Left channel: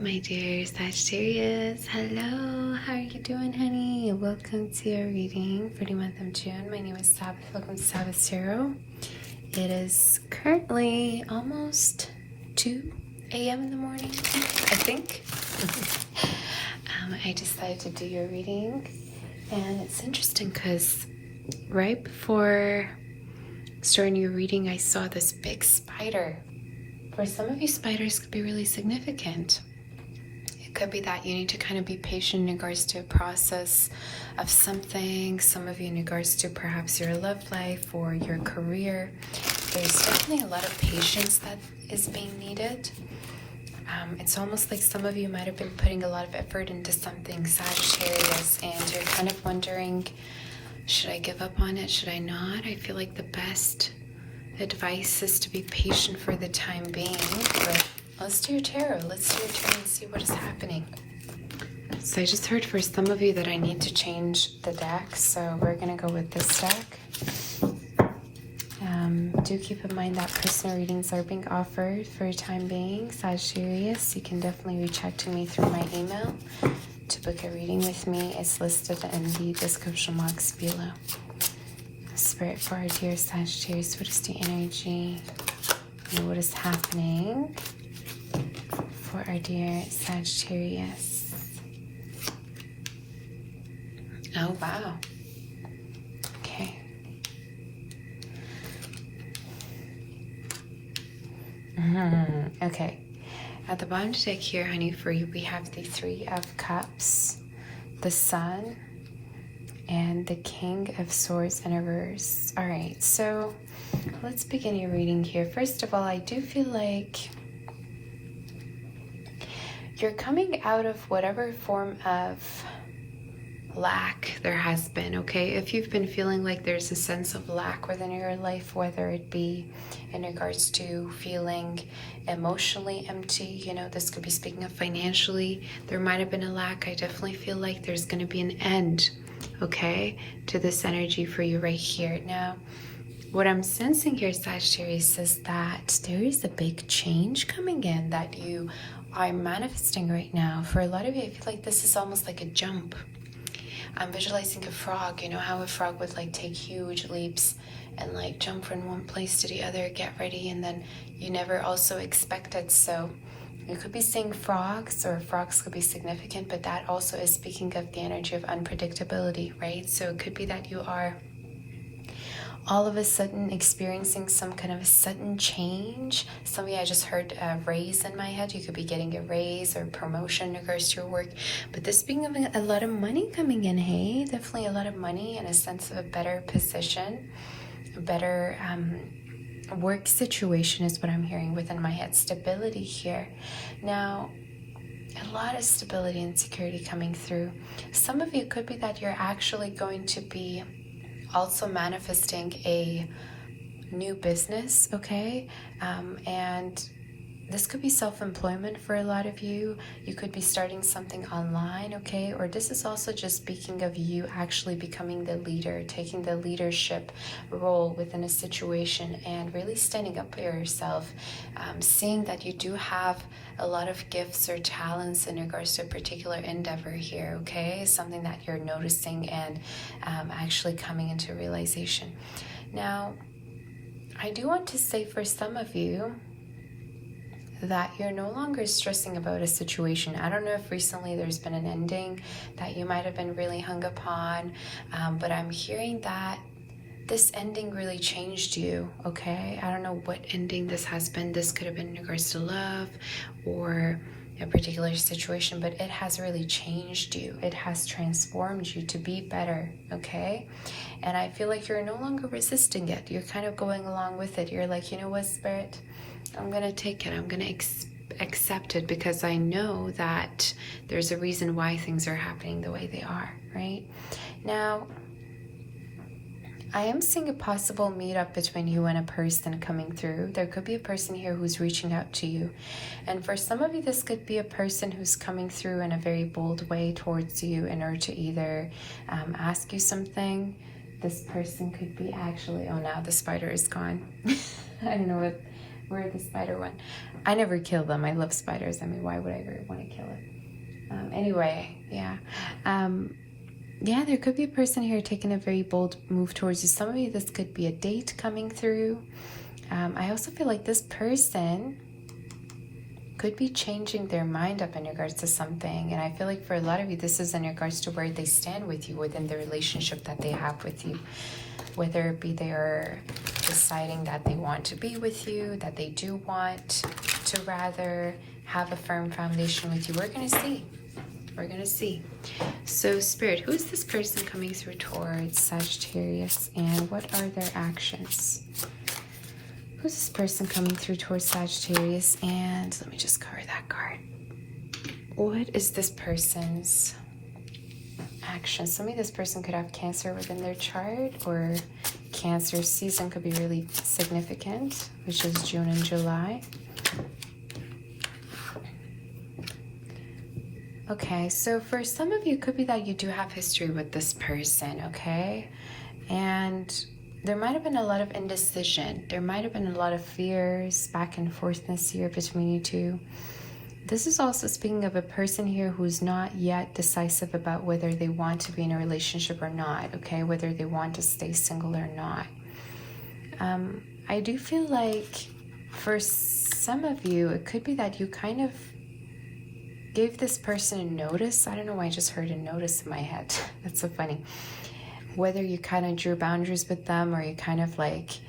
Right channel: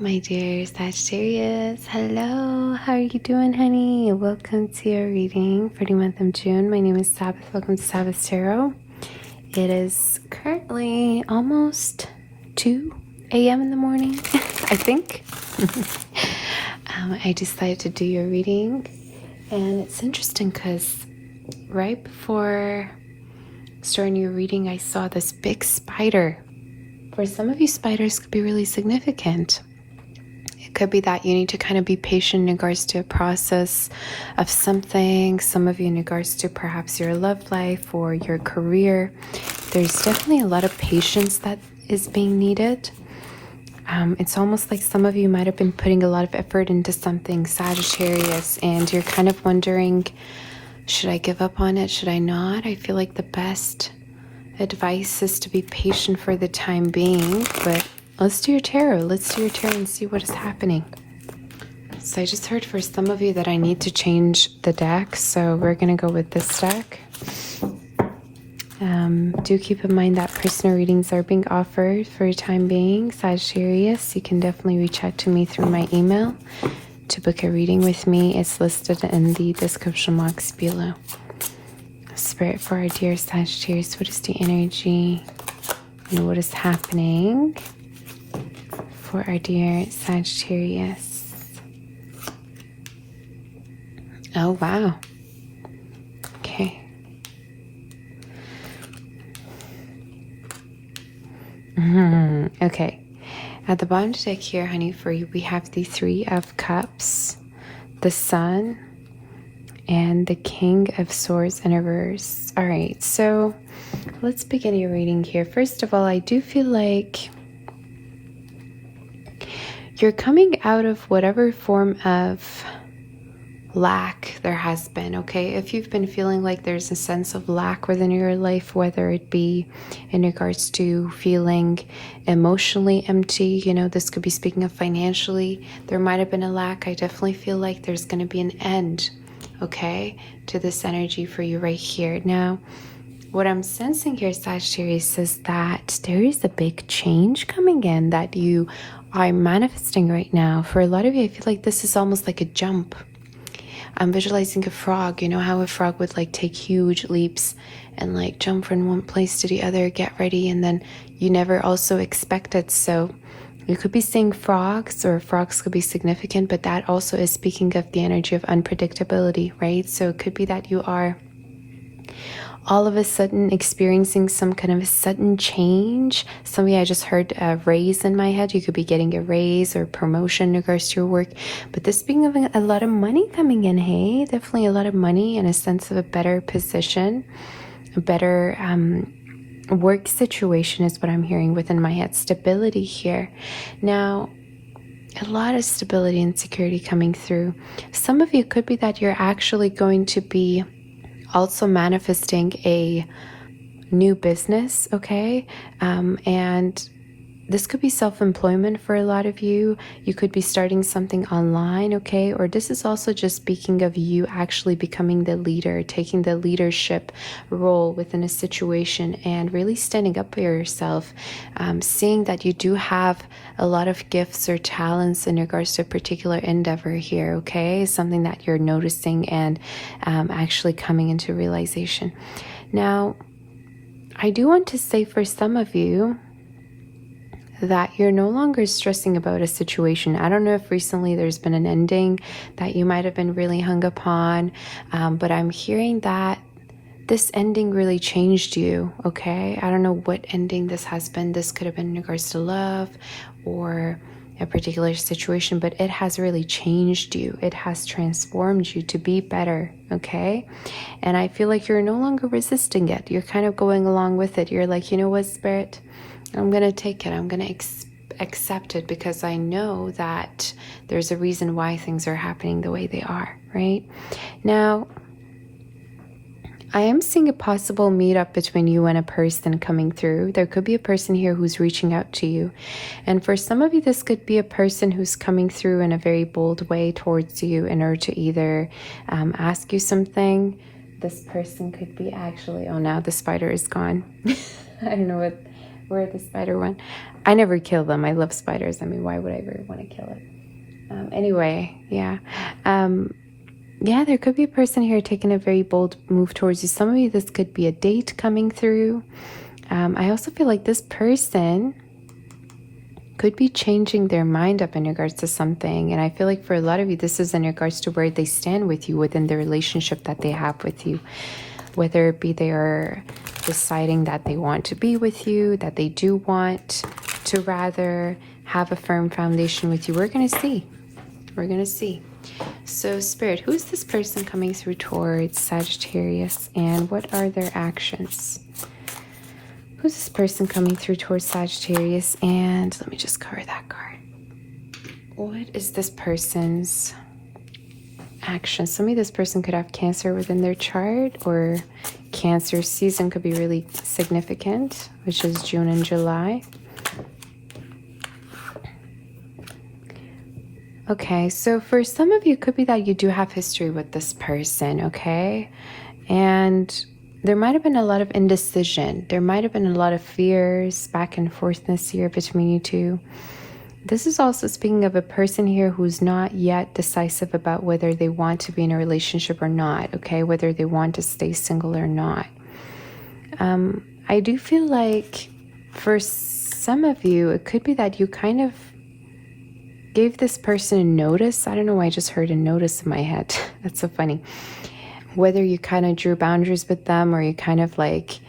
my dear Sagittarius. Hello, how are you doing, honey? Welcome to your reading for the month of June. My name is Sabbath. Welcome to Sabbath Tarot. It is currently almost 2 a.m. in the morning, I think. I decided to do your reading, and it's interesting because right before starting your reading, I saw this big spider. For some of you, spiders could be really significant. It could be that you need to kind of be patient in regards to a process of something. Some of you in regards to perhaps your love life or your career. There's definitely a lot of patience that is being needed. It's almost like some of you might have been putting a lot of effort into something, Sagittarius, and you're kind of wondering, should I give up on it? Should I not? I feel like the best advice is to be patient for the time being, but let's do your tarot. Let's do your tarot and see what is happening. So I just heard for some of you that I need to change the deck, so we're going to go with this deck. Do keep in mind that personal readings are being offered for the time being. Sagittarius, you can definitely reach out to me through my email to book a reading with me. It's listed in the description box below. Spirit, for our dear Sagittarius, what is the energy and what is happening for our dear Sagittarius? Oh, wow. Okay. Okay. At the bottom of the deck here, honey, for you, we have the Three of Cups, the Sun, and the King of Swords in reverse. All right, so let's begin your reading here. First of all, I do feel like you're coming out of whatever form of lack there has been, okay? If you've been feeling like there's a sense of lack within your life, whether it be in regards to feeling emotionally empty, you know, this could be speaking of financially, there might have been a lack. I definitely feel like there's going to be an end, okay, to this energy for you right here. Now, what I'm sensing here, Sagittarius, is that there is a big change coming in that you are manifesting right now. For a lot of you, I feel like this is almost like a jump. I'm visualizing a frog. You know how a frog would like take huge leaps and like jump from one place to the other, get ready, and then you never also expect it. So you could be seeing frogs, or frogs could be significant, but that also is speaking of the energy of unpredictability, right? So it could be that you are all of a sudden experiencing some kind of a sudden change. Some of you, I just heard a raise in my head. You could be getting a raise or promotion in regards to your work. But this being of a lot of money coming in, hey? Definitely a lot of money and a sense of a better position, a better work situation is what I'm hearing within my head. Stability here. Now, a lot of stability and security coming through. Some of you could be that you're actually going to be also manifesting a new business, okay? And this could be self-employment for a lot of you. You could be starting something online, okay? Or this is also just speaking of you actually becoming the leader, taking the leadership role within a situation and really standing up for yourself, seeing that you do have a lot of gifts or talents in regards to a particular endeavor here, okay? Something that you're noticing and actually coming into realization. Now, I do want to say for some of you that you're no longer stressing about a situation. I don't know if recently there's been an ending that you might have been really hung upon, but I'm hearing that this ending really changed you, okay? I don't know what ending this has been. This could have been in regards to love or a particular situation, but it has really changed you. It has transformed you to be better, okay? And I feel like you're no longer resisting it. You're kind of going along with it. You're like, you know what, Spirit? I'm going to take it. I'm going to accept it because I know that there's a reason why things are happening the way they are, right? Now, I am seeing a possible meetup between you and a person coming through. There could be a person here who's reaching out to you. And for some of you, this could be a person who's coming through in a very bold way towards you in order to either ask you something. This person could be actually, oh, now the spider is gone. I don't know what Or the spider one. I never kill them. I love spiders. I mean, why would I ever want to kill it? Anyway, yeah. Yeah, there could be a person here taking a very bold move towards you. Some of you, this could be a date coming through. I also feel like this person could be changing their mind up in regards to something. And I feel like for a lot of you, this is in regards to where they stand with you within the relationship that they have with you. Whether it be they are deciding that they want to be with you, that they do want to rather have a firm foundation with you. We're going to see. We're going to see. So, Spirit, who is this person coming through towards Sagittarius, and what are their actions? Who's this person coming through towards Sagittarius, and let me just cover that card. What is this person's action? Some of this person could have Cancer within their chart, or Cancer season could be really significant, which is June and July. Okay, so for some of you, it could be that you do have history with this person, okay? And there might have been a lot of indecision. There might have been a lot of fears back and forth this year between you two. This is also speaking of a person here who's not yet decisive about whether they want to be in a relationship or not, okay? Whether they want to stay single or not. I do feel like for some of you, it could be that you kind of gave this person a notice. I don't know why I just heard a notice in my head. That's so funny. Whether you kind of drew boundaries with them, or you kind of like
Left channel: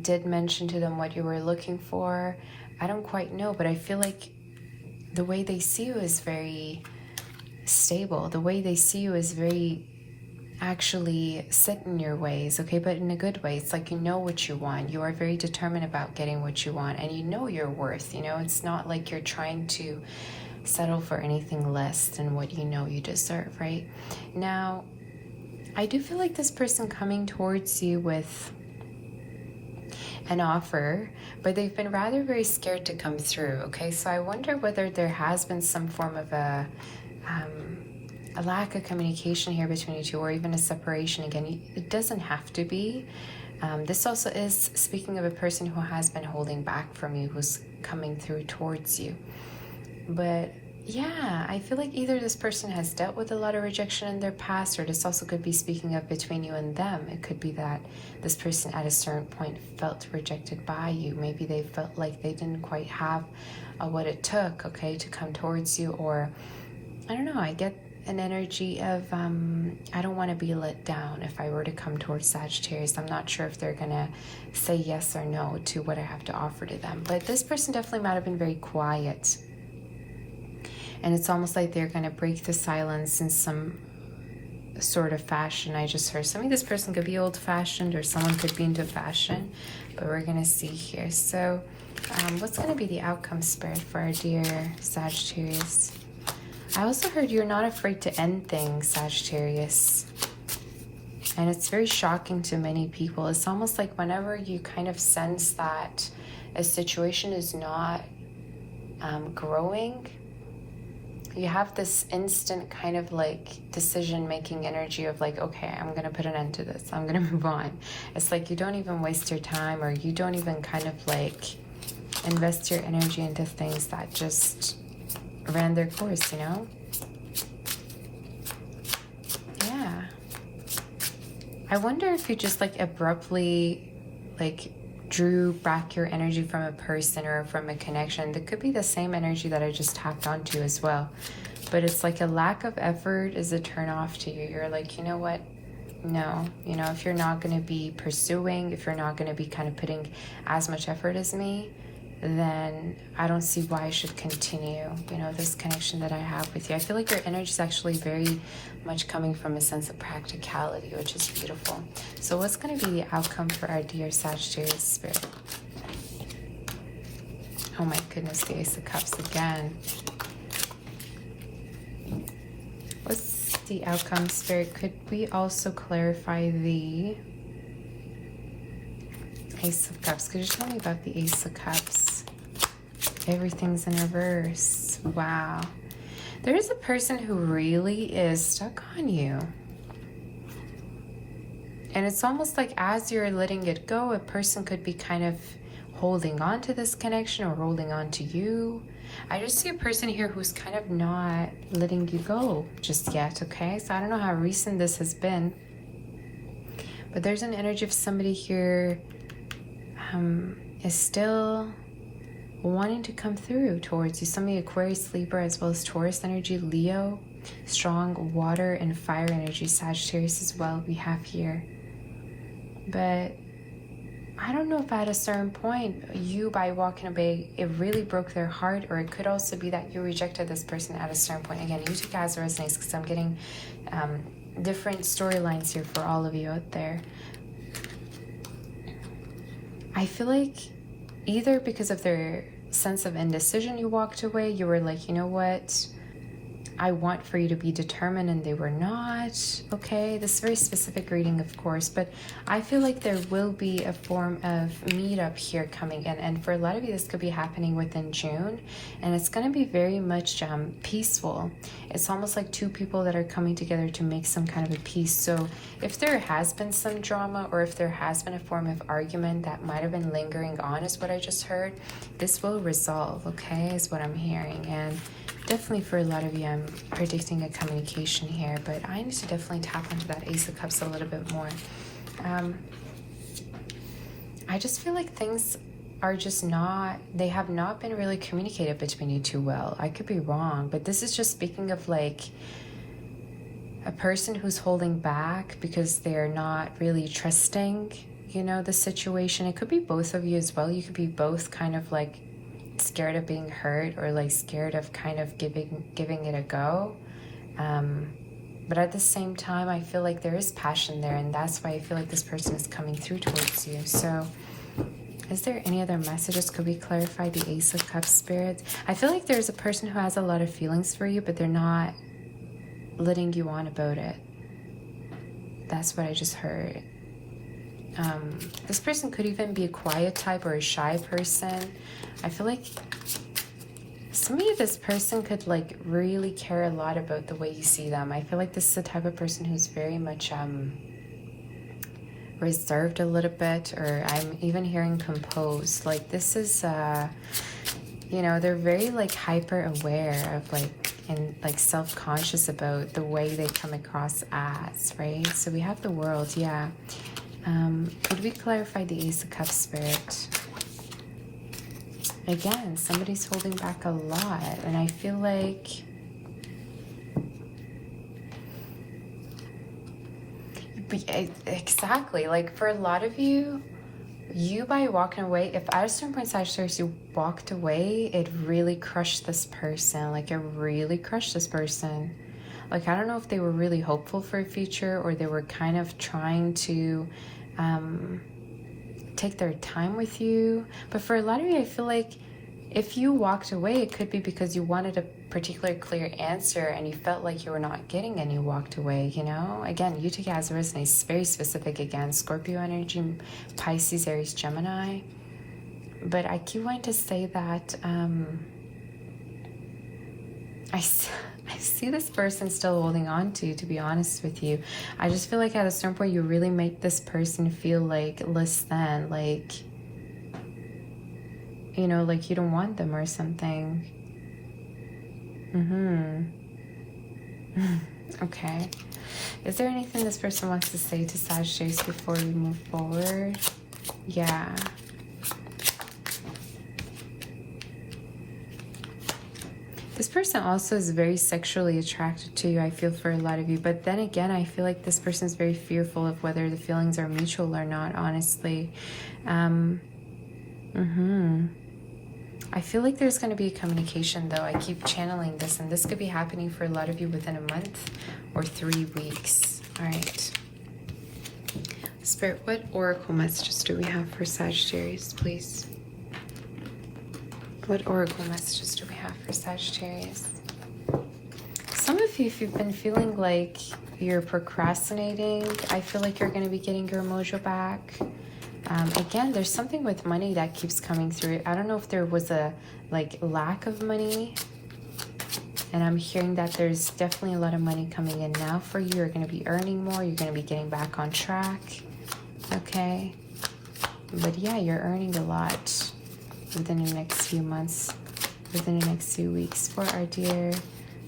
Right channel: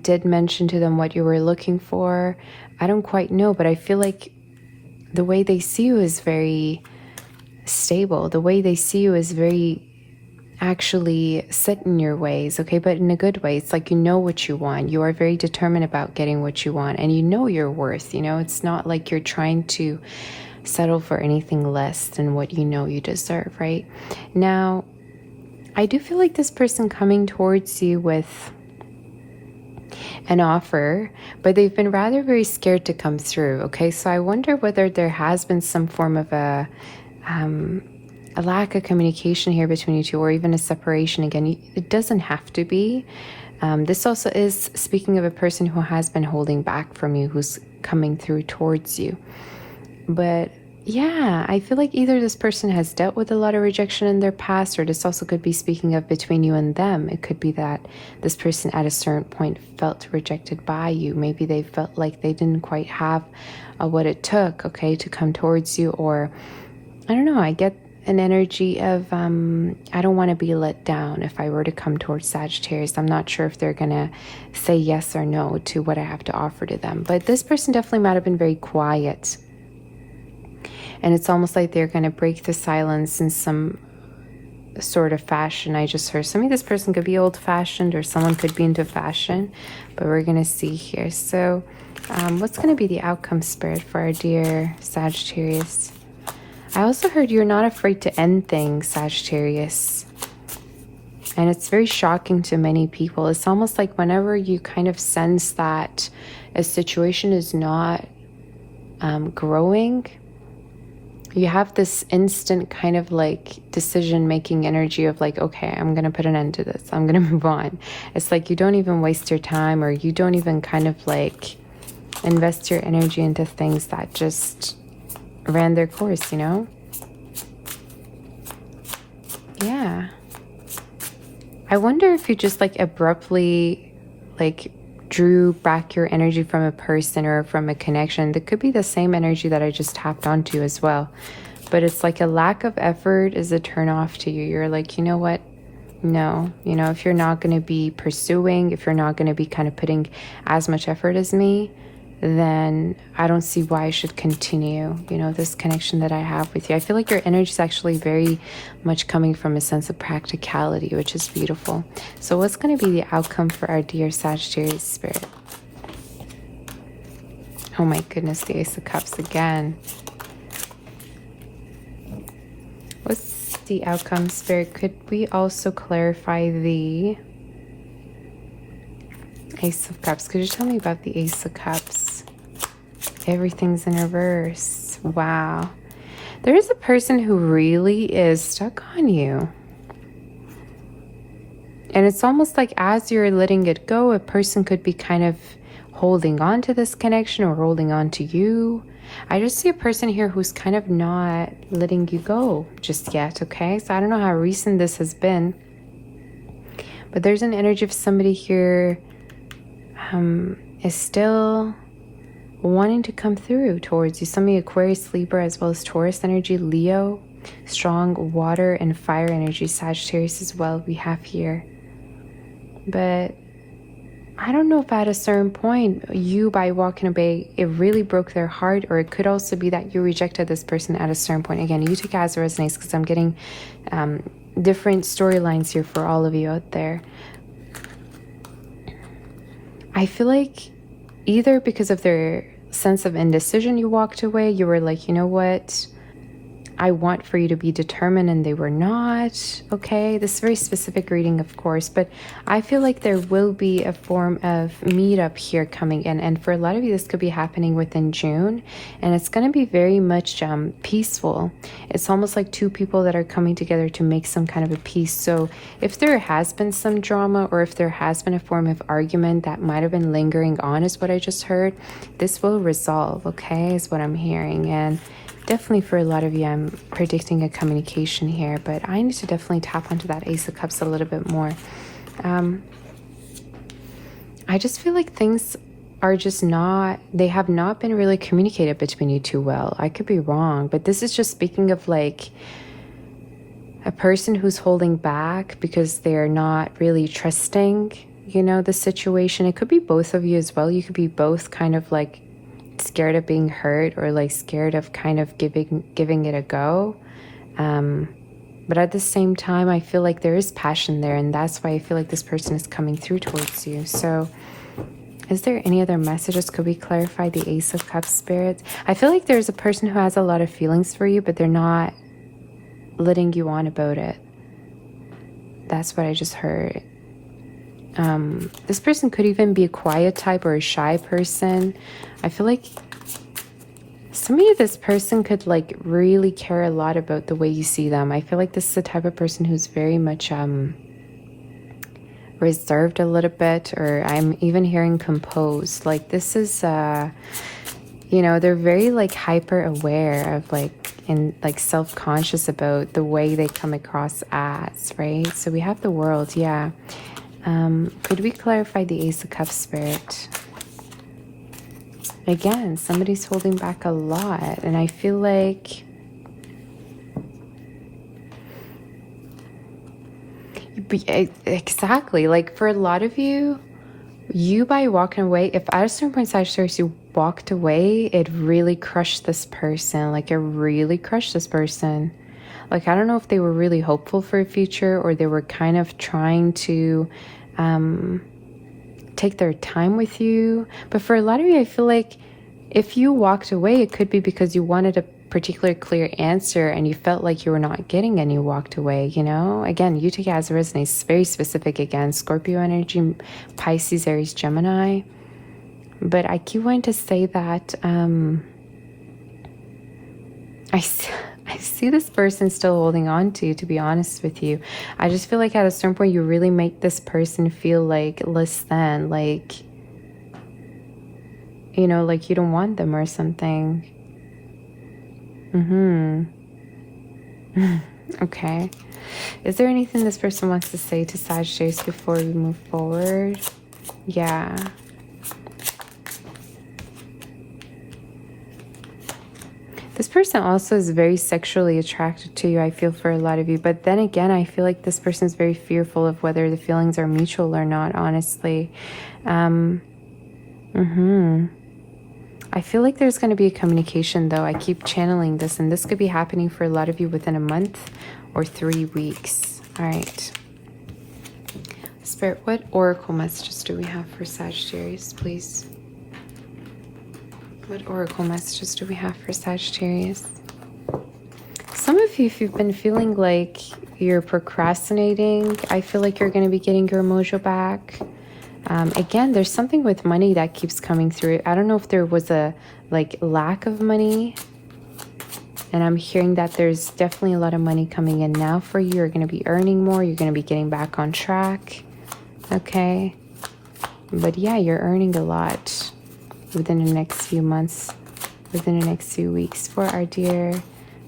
did mention to them what you were looking for. I don't quite know, but I feel like the way they see you is very stable. The way they see you is very actually set in your ways, okay? But in a good way. It's like you know what you want. You are very determined about getting what you want, and you know your worth, you know? It's not like you're trying to settle for anything less than what you know you deserve, right? Now, I do feel like this person coming towards you with an offer, but they've been rather very scared to come through, okay? So I wonder whether there has been some form of a lack of communication here between you two, or even a separation. Again, it doesn't have to be. This also is speaking of a person who has been holding back from you, who's coming through towards you. But yeah, I feel like either this person has dealt with a lot of rejection in their past, or this also could be speaking of between you and them. It could be that this person at a certain point felt rejected by you. Maybe they felt like they didn't quite have what it took, okay, to come towards you. Or, I don't know, I get an energy of, I don't want to be let down if I were to come towards Sagittarius. I'm not sure if they're going to say yes or no to what I have to offer to them. But this person definitely might have been very quiet. And it's almost like they're going to break the silence in some sort of fashion. I just heard some of this person could be old-fashioned, or someone could be into fashion, but we're going to see here. So what's going to be the outcome, Spirit, for our dear Sagittarius? I also heard you're not afraid to end things, Sagittarius. And it's very shocking to many people. It's almost like whenever you kind of sense that a situation is not growing, you have this instant kind of like decision-making energy of like, okay, I'm going to put an end to this. I'm going to move on. It's like you don't even waste your time, or you don't even kind of like invest your energy into things that just ran their course, you know? Yeah. I wonder if you just like abruptly like drew back your energy from a person or from a connection. That could be the same energy that I just tapped onto as well. But it's like a lack of effort is a turn off to you. You're like, you know what? No. You know, if you're not going to be pursuing, if you're not going to be kind of putting as much effort as me, then I don't see why I should continue, you know, this connection that I have with you. I feel like your energy is actually very much coming from a sense of practicality, which is beautiful. So what's going to be the outcome for our dear Sagittarius Spirit? Oh my goodness, the Ace of Cups again. What's the outcome, Spirit? Could we also clarify the Ace of Cups? Could you tell me about the Ace of Cups? Everything's in reverse. Wow. There is a person who really is stuck on you. And it's almost like as you're letting it go, a person could be kind of holding on to this connection or holding on to you. I just see a person here who's kind of not letting you go just yet, okay? So I don't know how recent this has been, but there's an energy of somebody here is still wanting to come through towards you. Somebody Aquarius, Libra, as well as Taurus energy, Leo, strong water and fire energy, Sagittarius as well we have here. But I don't know if at a certain point, you by walking away, it really broke their heart, or it could also be that you rejected this person at a certain point. Again, you take it as it resonates, because I'm getting different storylines here for all of you out there. I feel like either because of their sense of indecision, you walked away. You were like, you know what? I want for you to be determined, and they were not. Okay, this is a very specific reading, of course, but I feel like there will be a form of meetup here coming in, and for a lot of you this could be happening within June, and it's going to be very much peaceful. It's almost like two people that are coming together to make some kind of a peace. So if there has been some drama, or if there has been a form of argument that might have been lingering on, is what I just heard, this will resolve, okay, is what I'm hearing. And definitely for a lot of you, I'm predicting a communication here, but I need to definitely tap into that Ace of Cups a little bit more. I just feel like things are just not, they have not been really communicated between you two well. I could be wrong, but this is just speaking of like a person who's holding back because they're not really trusting, you know, the situation. It could be both of you as well. You could be both kind of like scared of being hurt, or like scared of kind of giving it a go, but at the same time I feel like there is passion there, and that's why I feel like this person is coming through towards you. So is there any other messages? Could we clarify the Ace of Cups, Spirit? I feel like there's a person who has a lot of feelings for you, but they're not letting you on about it. That's what I just heard. This person could even be a quiet type or a shy person. I feel like somebody, this person could like really care a lot about the way you see them. I feel like this is the type of person who's very much reserved a little bit, or I'm even hearing composed. Like this is you know, they're very like hyper aware of like, and like self-conscious about the way they come across as, right? So we have the World, yeah. Could we clarify the Ace of Cups, Spirit? Again, somebody's holding back a lot, and I feel like exactly, like for a lot of you, you by walking away, if at a certain point, Sagittarius, you walked away, it really crushed this person. Like it really crushed this person. Like I don't know if they were really hopeful for a future, or they were kind of trying to take their time with you. But for a lot of you, I feel like if you walked away, it could be because you wanted a particular clear answer and you felt like you were not getting and you walked away, you know? Again, you take it as it resonates. It's very specific. Again, Scorpio energy, Pisces, Aries, Gemini. But I keep wanting to say that I see this person still holding on to be honest with you. I just feel like at a certain point you really make this person feel like less than, like, you know, like you don't want them or something. Okay. Is there anything this person wants to say to Sagittarius before we move forward? Yeah. This person also is very sexually attracted to you, I feel, for a lot of you. But then again, I feel like this person is very fearful of whether the feelings are mutual or not, honestly. I feel like there's going to be a communication, though. I keep channeling this, and this could be happening for a lot of you within a month or 3 weeks. All right. Spirit, what oracle messages do we have for Sagittarius, please? What oracle messages do we have for Sagittarius? Some of you, if you've been feeling like you're procrastinating, I feel like you're going to be getting your mojo back. Again, there's something with money that keeps coming through. I don't know if there was a like lack of money, and I'm hearing that there's definitely a lot of money coming in now for you. You're going to be earning more. You're going to be getting back on track. Okay. But yeah, you're earning a lot. within the next few months, within the next few weeks for our dear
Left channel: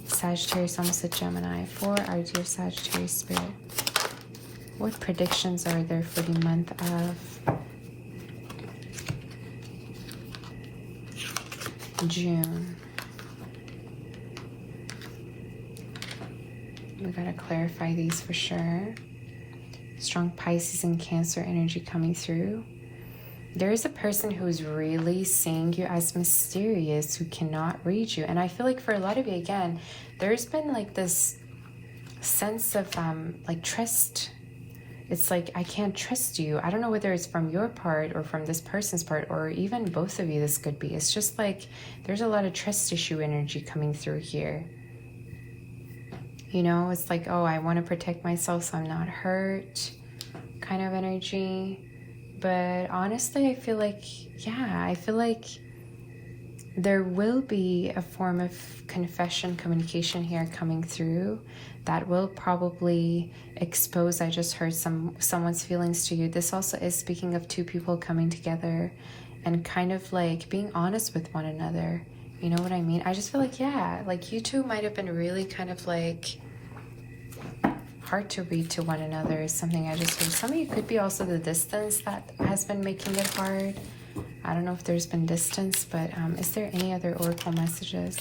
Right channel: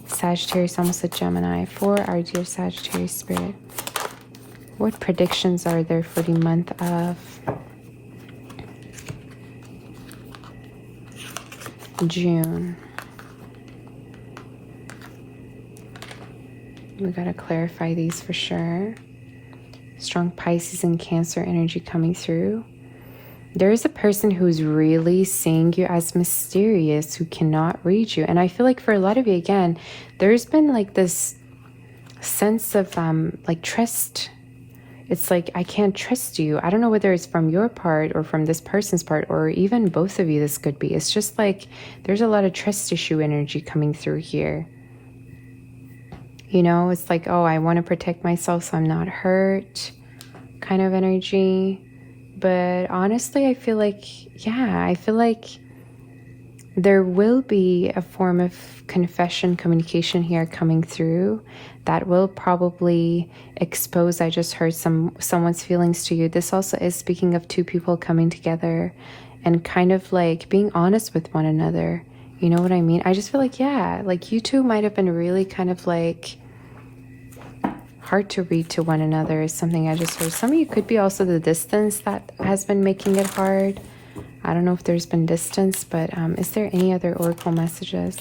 Sagittarius, almost a Gemini, for our dear Sagittarius spirit. What predictions are there for the month of June? We gotta clarify these for sure. Strong Pisces and Cancer energy coming through. There is a person who's really seeing you as mysterious, who cannot read you. And I feel like for a lot of you, again, there's been like this sense of like trust. It's like, I can't trust you. I don't know whether it's from your part or from this person's part, or even both of you this could be. It's just like there's a lot of trust issue energy coming through here. You know, it's like, oh, I want to protect myself so I'm not hurt kind of energy. But honestly, I feel like, yeah, I feel like there will be a form of confession, communication here coming through that will probably expose, I just heard, someone's feelings to you. This also is speaking of two people coming together and kind of like being honest with one another. You know what I mean? I just feel like, yeah, like you two might have been really kind of like hard to read to one another is something I just heard. Some of you could be also the distance that has been making it hard. I don't know if there's been distance, but is there any other oracle messages?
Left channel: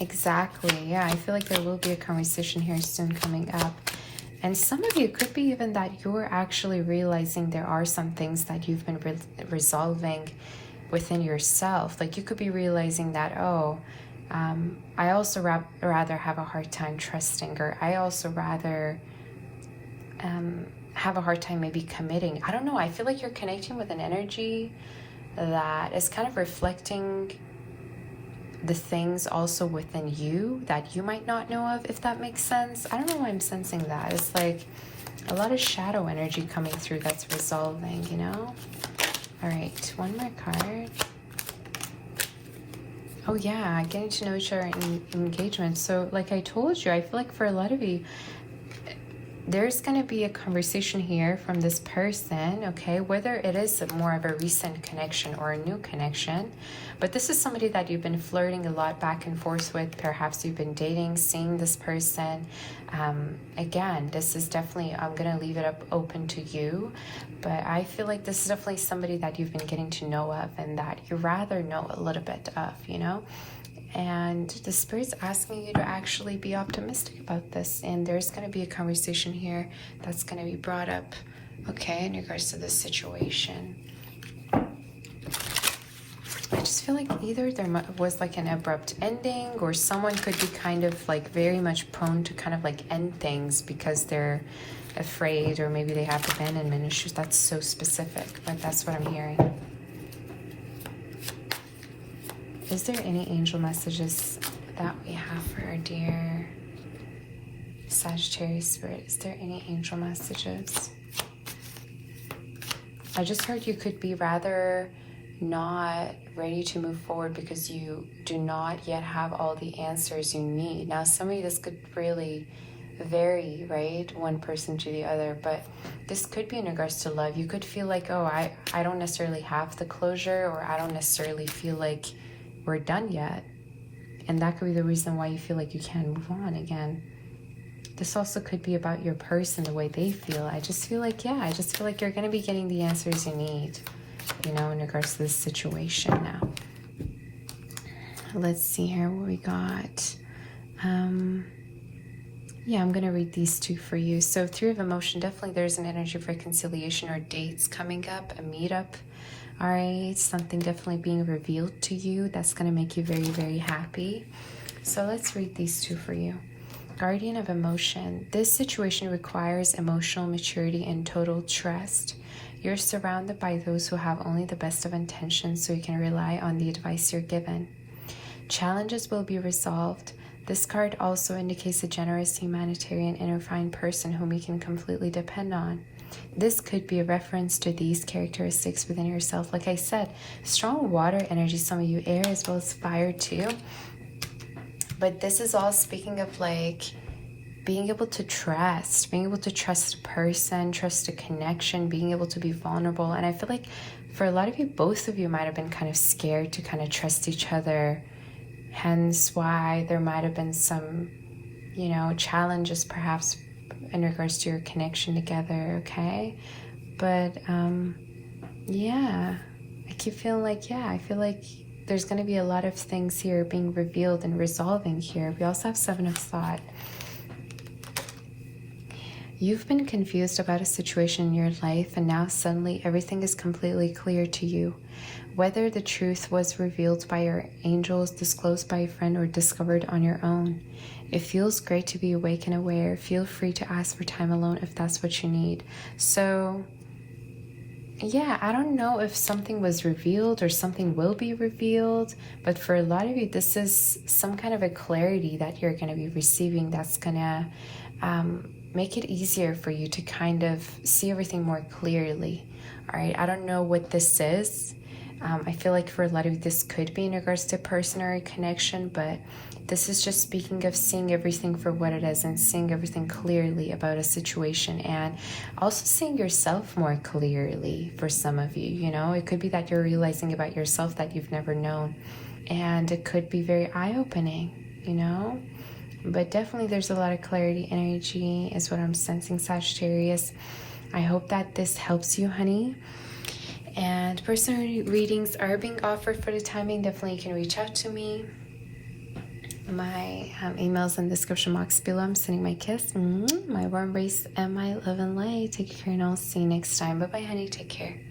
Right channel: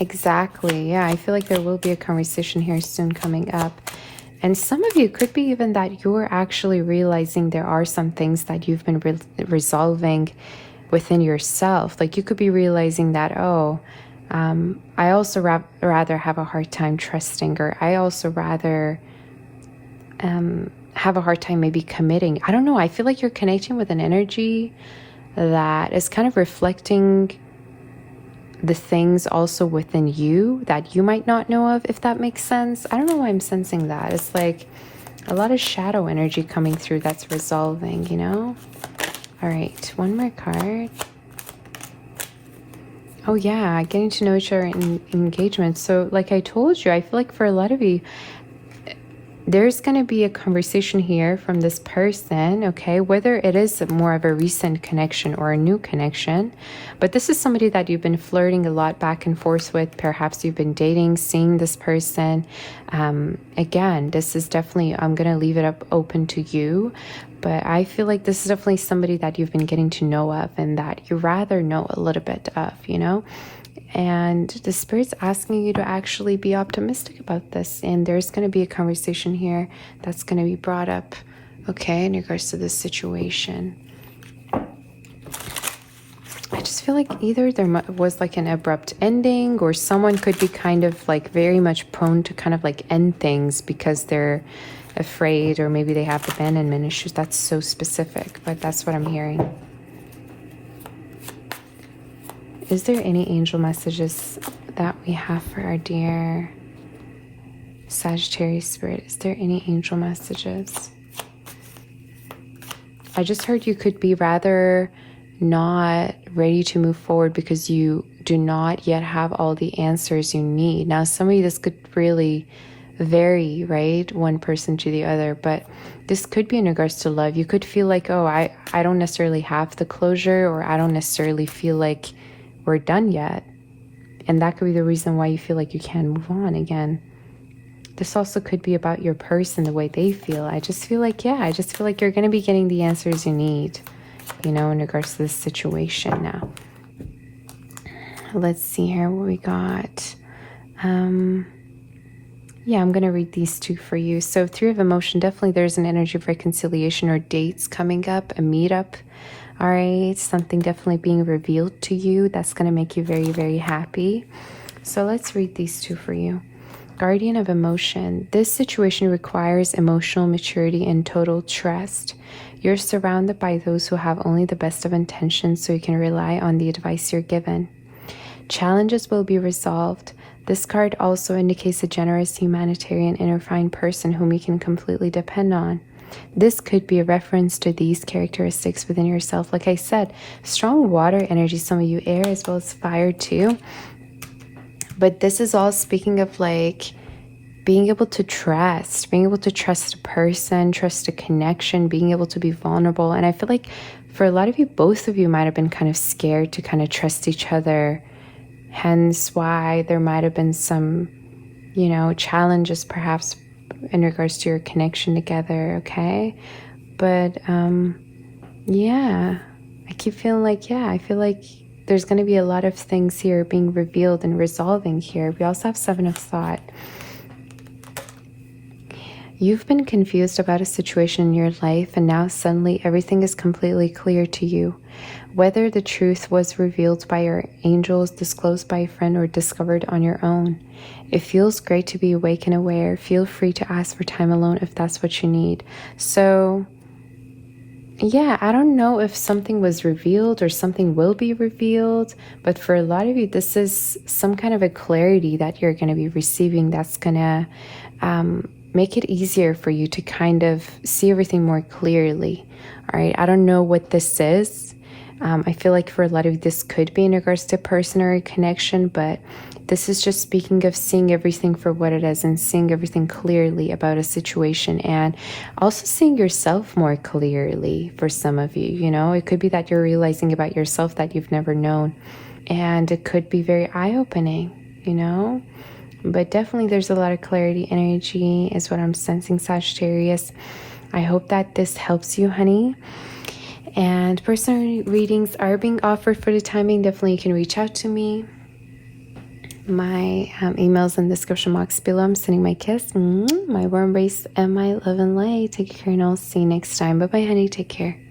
Exactly. Yeah, I feel like there will be a conversation here soon coming up. And some of you could be even that you're actually realizing there are some things that you've been resolving within yourself. Like you could be realizing that, oh, I also rather have a hard time trusting, or I also rather have a hard time maybe committing. I don't know. I feel like you're connecting with an energy that is kind of reflecting the things also within you that you might not know of, if that makes sense. I don't know why I'm sensing that. It's like a lot of shadow energy coming through that's resolving, you know? All right, one more card. Oh yeah, getting to know each other in engagement. So like I told you, I feel like for a lot of you, there's going to be a conversation here from this person, okay? Whether it is more of a recent connection or a new connection, but this is somebody that you've been flirting a lot back and forth with. Perhaps you've been dating, seeing this person. Again, this is definitely, I'm going to leave it up open to you, but I feel like this is definitely somebody that you've been getting to know of and that you rather know a little bit of, you know? And the Spirit's asking you to actually be optimistic about this. And there's going to be a conversation here that's going to be brought up, okay, in regards to this situation. I just feel like either there was like an abrupt ending, or someone could be kind of like very much prone to kind of like end things because they're afraid, or maybe they have abandonment issues. That's so specific, but that's what I'm hearing. Is there any angel messages that we have for our dear Sagittarius spirit? Is there any angel messages? I just heard you could be rather not ready to move forward because you do not yet have all the answers you need. Now, some of you, this could really vary, right? One person to the other, but this could be in regards to love. You could feel like, oh, I don't necessarily have the closure, or I don't necessarily feel like we're done yet. And that could be the reason why you feel like you can't move on again. This also could be about your person, the way they feel. I just feel like, yeah, I just feel like you're going to be getting the answers you need, you know, in regards to this situation now. Let's see here what we got. Yeah, I'm going to read these two for you. So Three of Emotion, definitely there's an energy of reconciliation or dates coming up, a meetup. All right, something definitely being revealed to you that's going to make you very, very happy. So let's read these two for you. Guardian of Emotion. This situation requires emotional maturity and total trust. You're surrounded by those who have only the best of intentions, so you can rely on the advice you're given. Challenges will be resolved. This card also indicates a generous, humanitarian, and refined person whom you can completely depend on. This could be a reference to these characteristics within yourself. Like I said, strong water energy, some of you air as well as fire too. But this is all speaking of like being able to trust a person, trust a connection, being able to be vulnerable. And I feel like for a lot of you, both of you might have been kind of scared to kind of trust each other. Hence why there might have been some, you know, challenges perhaps in regards to your connection together, okay? But yeah, I keep feeling like, yeah, I feel like there's going to be a lot of things here being revealed and resolving here. We also have Seven of Thought. You've been confused about a situation in your life, and now suddenly everything is completely clear to you. Whether the truth was revealed by your angels, disclosed by a friend, or discovered on your own. It feels great to be awake and aware. Feel free to ask for time alone if that's what you need. So, yeah, I don't know if something was revealed or something will be revealed, but for a lot of you, this is some kind of a clarity that you're going to be receiving that's going to make it easier for you to kind of see everything more clearly. All right, I don't know what this is. I feel like for a lot of you, this could be in regards to personal connection, but this is just speaking of seeing everything for what it is and seeing everything clearly about a situation, and also seeing yourself more clearly for some of you. You know, it could be that you're realizing about yourself that you've never known, and it could be very eye-opening, you know. But definitely there's a lot of clarity energy is what I'm sensing, Sagittarius. I hope that this helps you, honey. And personal readings are being offered for the time being. Definitely you can reach out to me. My email's in the description box below. I'm sending my kiss, my warm embrace, and my love and light. Take care, and I'll see you next time. Bye-bye, honey. Take care.